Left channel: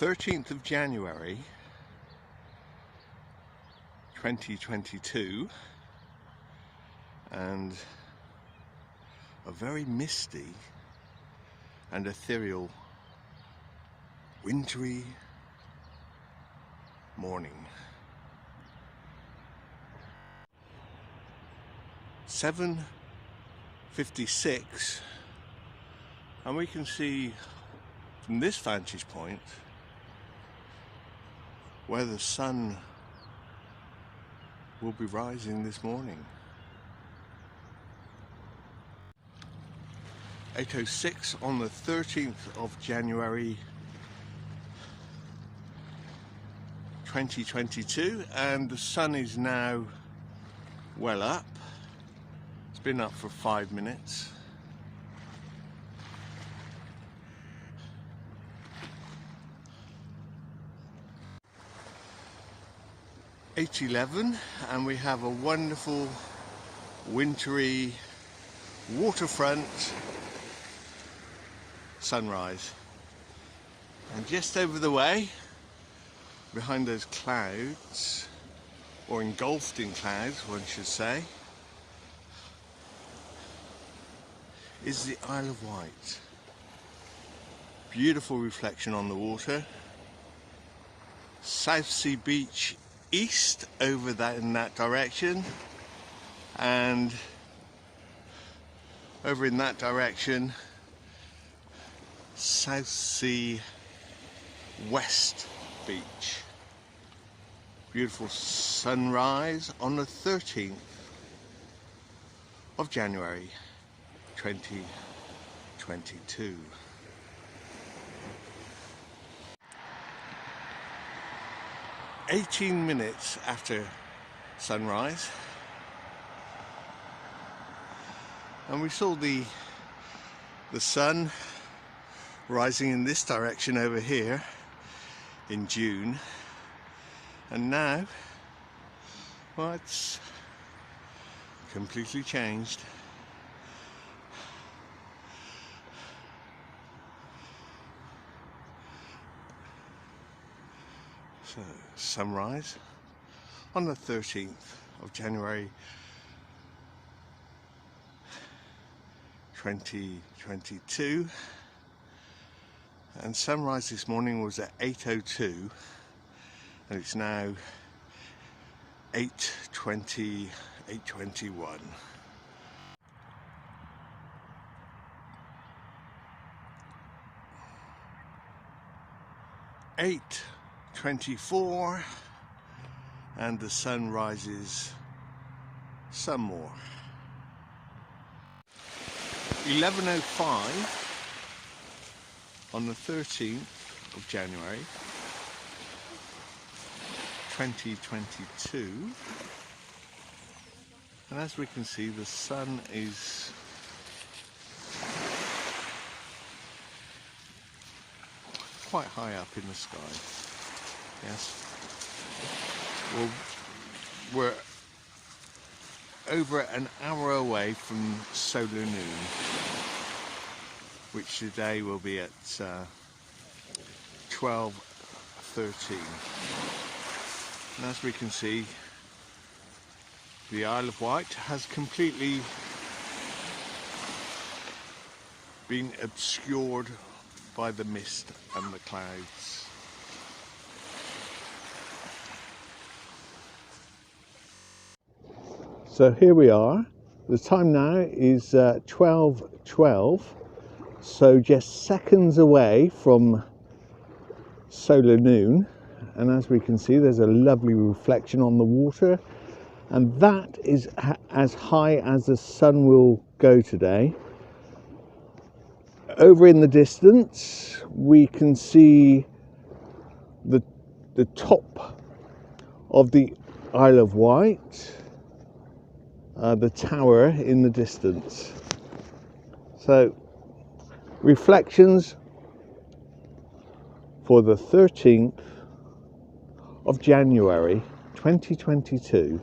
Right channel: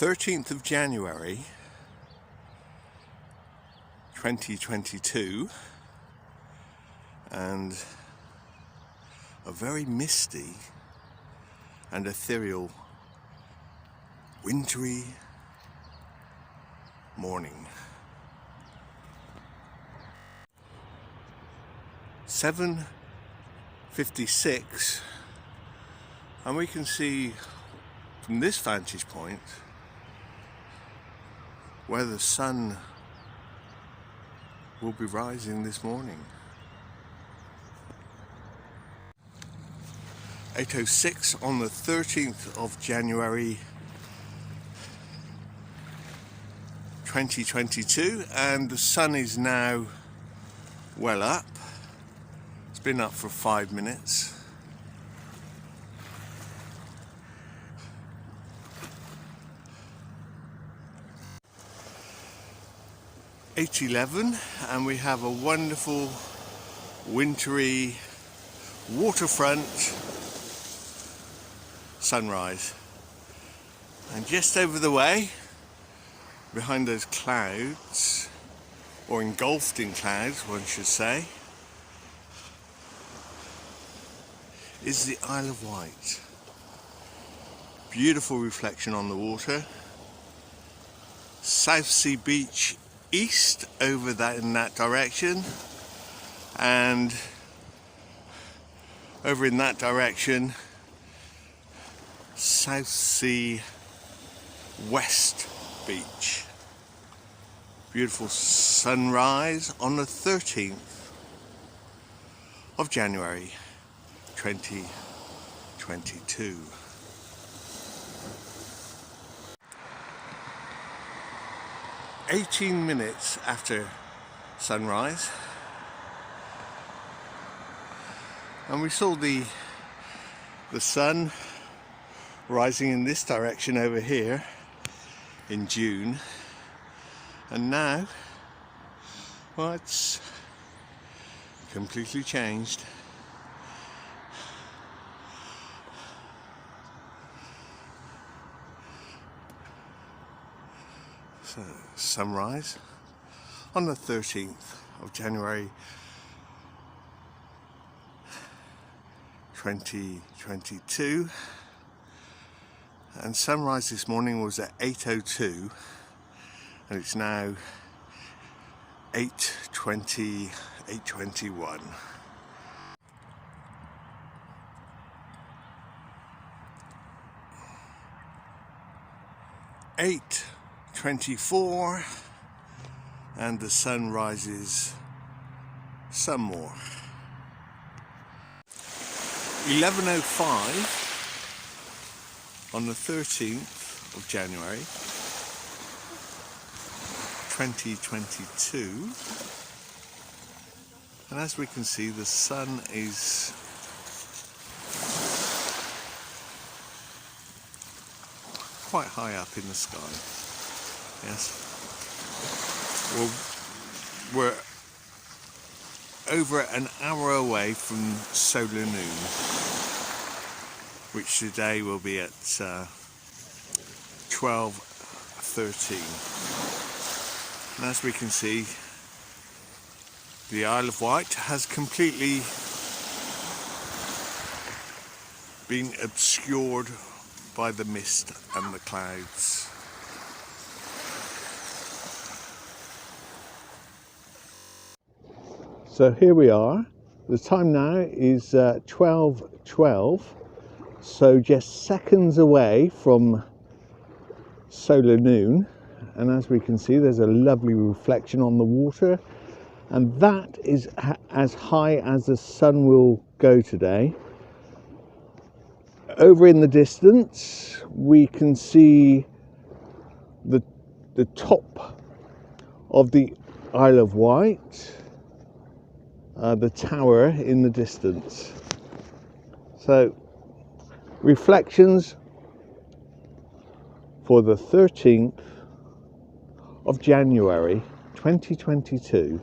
13th of January 2022, and a very misty and ethereal wintry morning. 7:56, and we can see from this vantage point where the sun will be rising this morning. 8:06 on the 13th of January 2022, and the sun is now well up. It's been up for 5 minutes. (8:11), and we have a wonderful wintry waterfront sunrise, and just over the way, behind those clouds, or engulfed in clouds one should say, is the Isle of Wight. Beautiful reflection on the water. Southsea beach east over that in that direction, and over in that direction Southsea west beach. Beautiful sunrise on the 13th of January 2022. "18 minutes after sunrise, and we saw the sun rising in this direction over here in June, and now, well, it's completely changed. So, sunrise on the 13th of January 2022, and sunrise this morning was at 8:02, and it's now 8:20, 8:21. (8:24), and the sun rises some more. 11:05 on the 13th of January 2022, and as we can see, the sun is quite high up in the sky. Yes, well, we're over an hour away from solar noon, which today will be at 12:13. And as we can see, the Isle of Wight has completely been obscured by the mist and the clouds. So here we are. The time now is 12:12, so just seconds away from solar noon, and as we can see, there's a lovely reflection on the water, and that is as high as the sun will go today. Over in the distance we can see the top of the Isle of Wight, the tower in the distance. So reflections for the 13th of January 2022.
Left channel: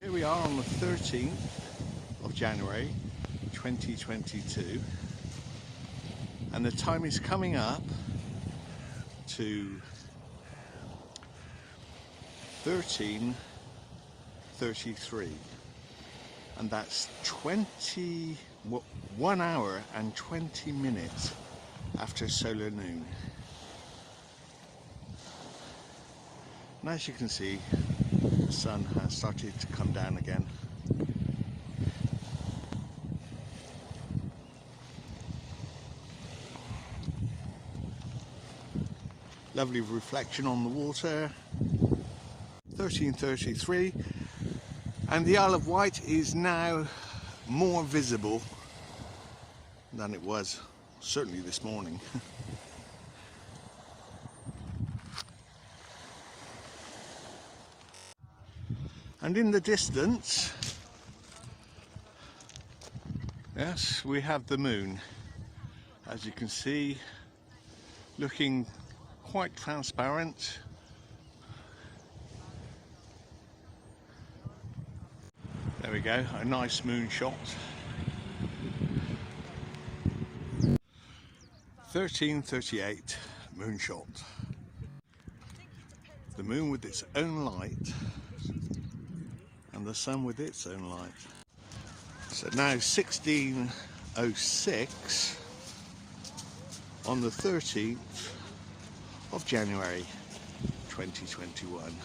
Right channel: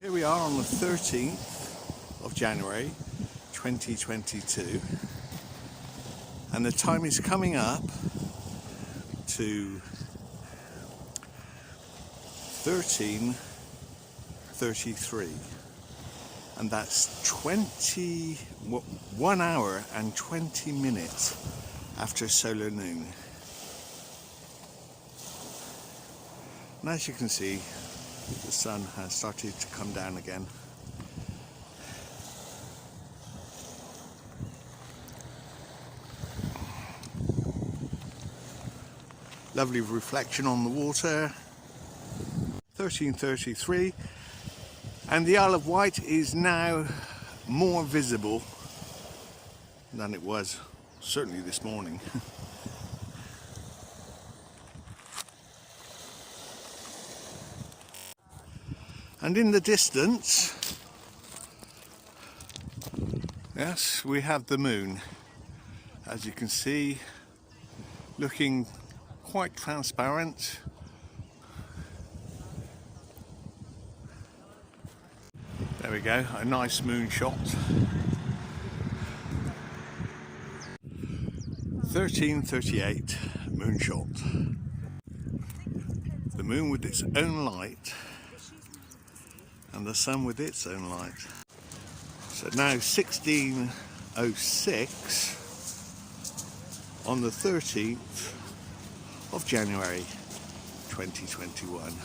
Here we are on the 13th of January 2022, and the time is coming up to 13:33, and that's 1 hour and 20 minutes after solar noon. And as you can see, the sun has started to come down again. Lovely reflection on the water. 13:33, and the Isle of Wight is now more visible than it was certainly this morning. And in the distance, yes, we have the moon, as you can see, looking quite transparent. There we go, a nice moon shot. 13:38 moon shot. The moon with its own light and the sun with its own light. So now 16:06 on the 13th of January 2021.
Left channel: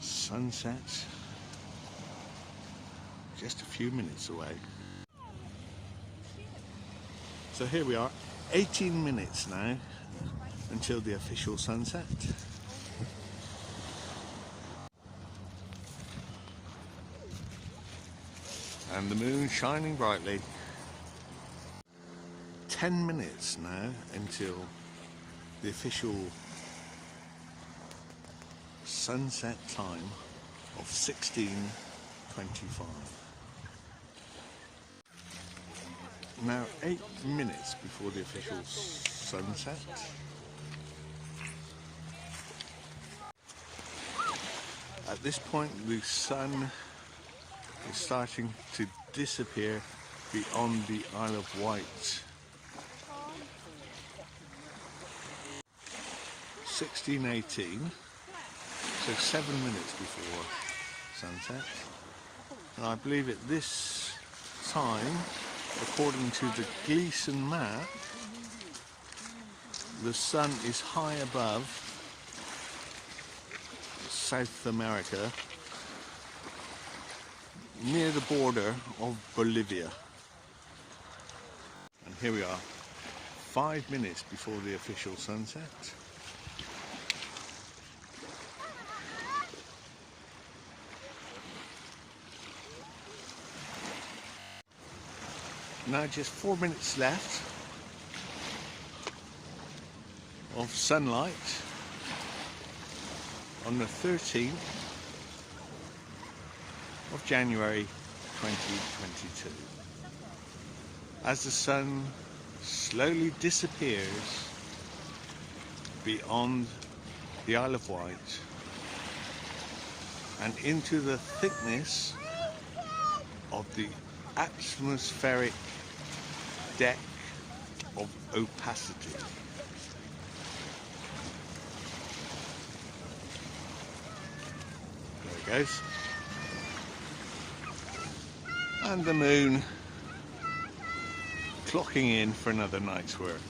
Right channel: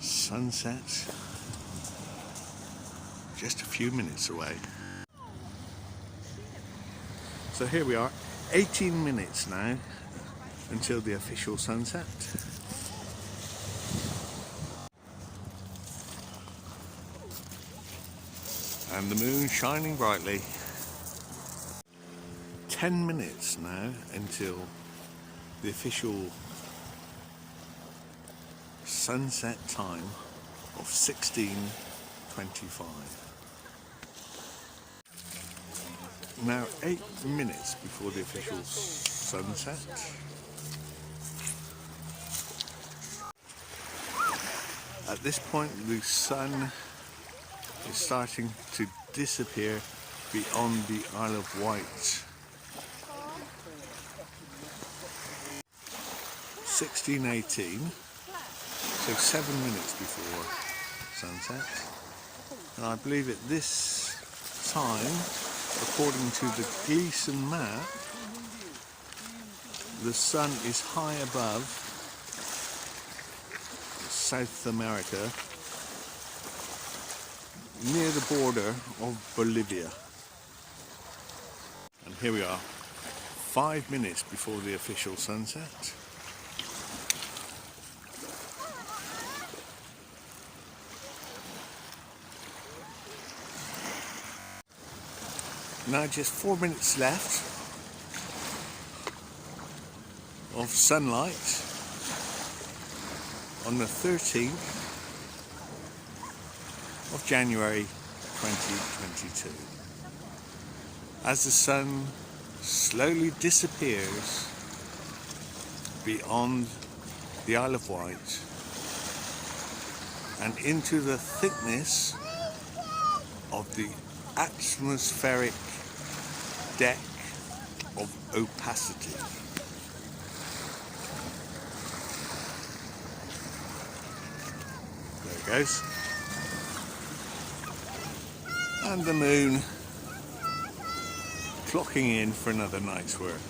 Sunset just a few minutes away. So here we are, 18 minutes now until the official sunset. And the moon shining brightly. 10 minutes now until the official sunset time of 16:25. Now 8 minutes before the official sunset. At this point the sun is starting to disappear beyond the Isle of Wight. 16:18, so 7 minutes before sunset. And I believe at this time, according to the Gleason map, the sun is high above South America, near the border of Bolivia. And here we are, 5 minutes before the official sunset. Now just 4 minutes left of sunlight on the 13th of January 2022. As the sun slowly disappears beyond the Isle of Wight and into the thickness of the atmospheric deck of opacity. There it goes. And the moon clocking in for another night's work.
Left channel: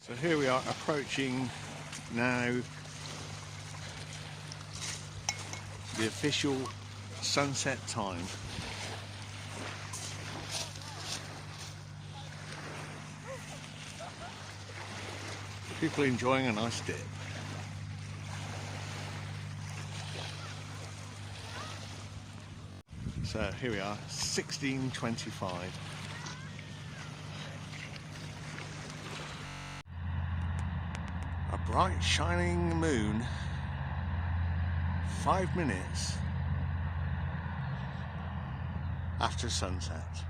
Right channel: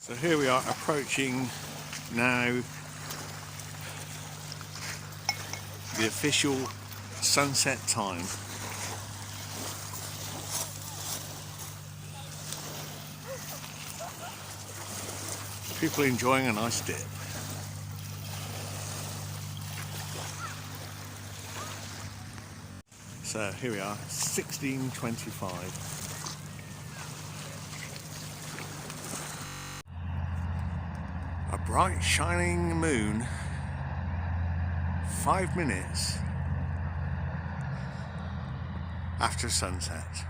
So here we are approaching now the official sunset time. People enjoying a nice dip. So here we are, 16:25. A bright shining moon, 5 minutes after sunset.